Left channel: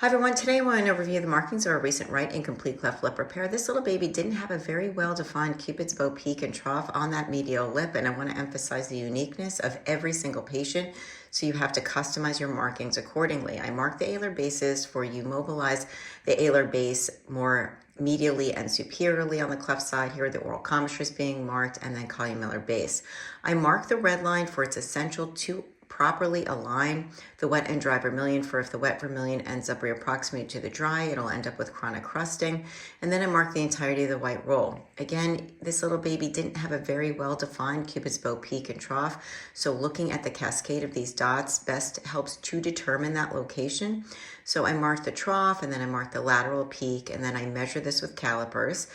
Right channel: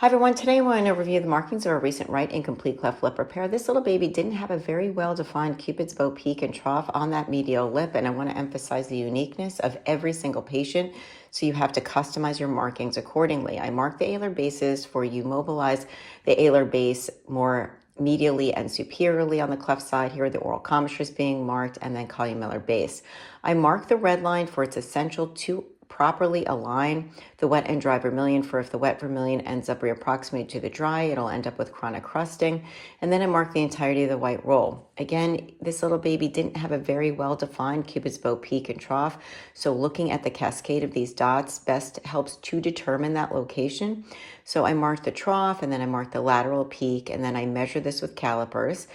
Hi everyone, today I want to review the markings of a recent right incomplete cleft lip repair. This little baby didn't have a very well-defined Cupid's bow peak and trough on that medial lip, and I want to emphasize the uniqueness of every single patient, so you have to customize your markings accordingly. I mark the alar bases for you mobilize the alar base more medially and superiorly on the cleft side. Here the oral commissure is being marked, and then columellar base. I mark the red line for it's essential to properly align the wet and dry vermilion, for if the wet vermilion ends up reapproximated to the dry, it'll end up with chronic crusting. And then I mark the entirety of the white roll. Again, this little baby didn't have a very well-defined Cupid's bow peak and trough, so looking at the cascade of these dots best helps to determine that location. So I mark the trough, and then I mark the lateral peak, and then I measure this with calipers.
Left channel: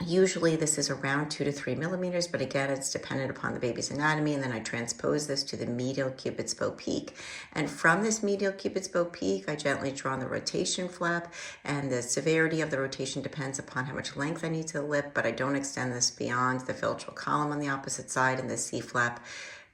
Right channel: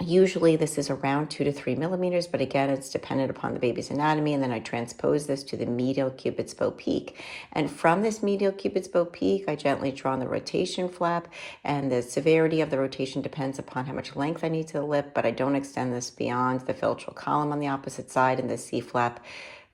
Usually this is around 2 to 3 millimeters, but again, it's dependent upon the baby's anatomy. And then I transpose this to the medial Cupid's bow peak. And from this medial Cupid's bow peak, I gently draw on the rotation flap, and the severity of the rotation depends upon how much length I need to the lip, but I don't extend this beyond the philtral column on the opposite side and the C flap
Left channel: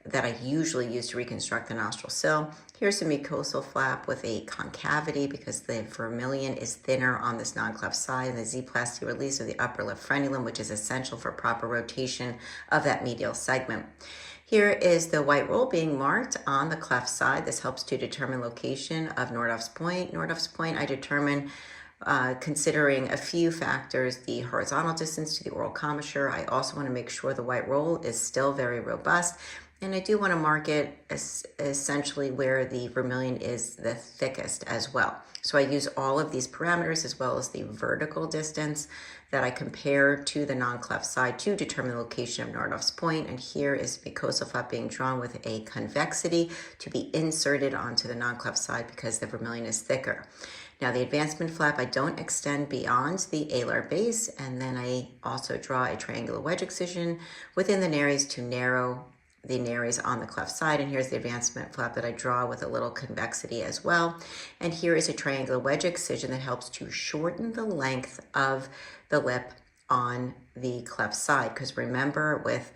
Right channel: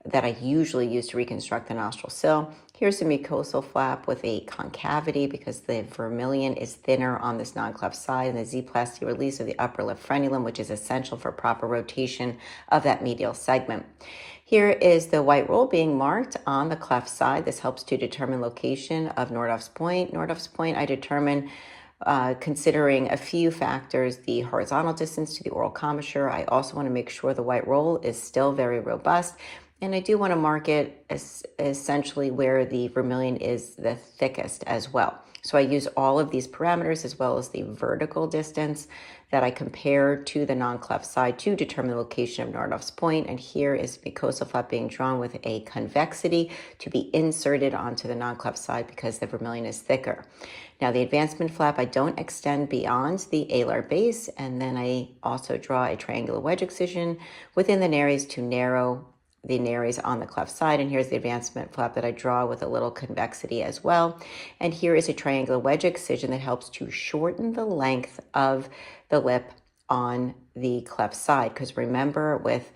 that I usually use to reconstruct the nostril sill. Here's the mucosal flap with a concavity because the vermilion is thinner on this non-cleft side, and the Z-plasty release of the upper lip frenulum, which is essential for proper rotation of that medial segment. Here is the white roll being marked on the cleft side. This helps to determine location of Nordhoff's point. Nordhoff's point I determine considering a few factors: the horizontal distance to the oral commissure. I also want to make sure the white roll is still very robust. And I do want to mark it essentially where the vermilion is the thickest as well. So I use all of these parameters as well as the vertical distance that I compare to the non-cleft side to determine the location of Nordhoff's point. And here is mucosal flap being drawn with a convexity to be inserted onto the non-cleft side because the vermilion is thicker. Now the advancement flap, I don't extend beyond the alar base, and then I also draw a triangular wedge excision within the nares to narrow the nares on the cleft side. And here's the advancement flap that I draw with a little convexity as well. And here is a triangular wedge excision that helps to shorten the length of the lip on the cleft side, because remember, with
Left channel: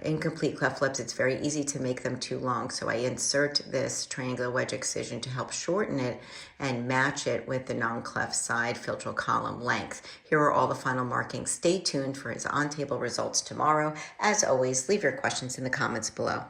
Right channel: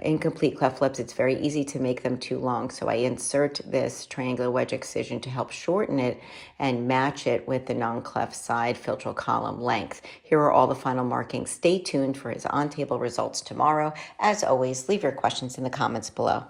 incomplete cleft lips, it's very easy to make them too long. So I insert this triangular wedge excision to help shorten it and match it with the non-cleft side philtral column length. Here are all the final markings. Stay tuned for his on-table results tomorrow. As always, leave your questions in the comments below.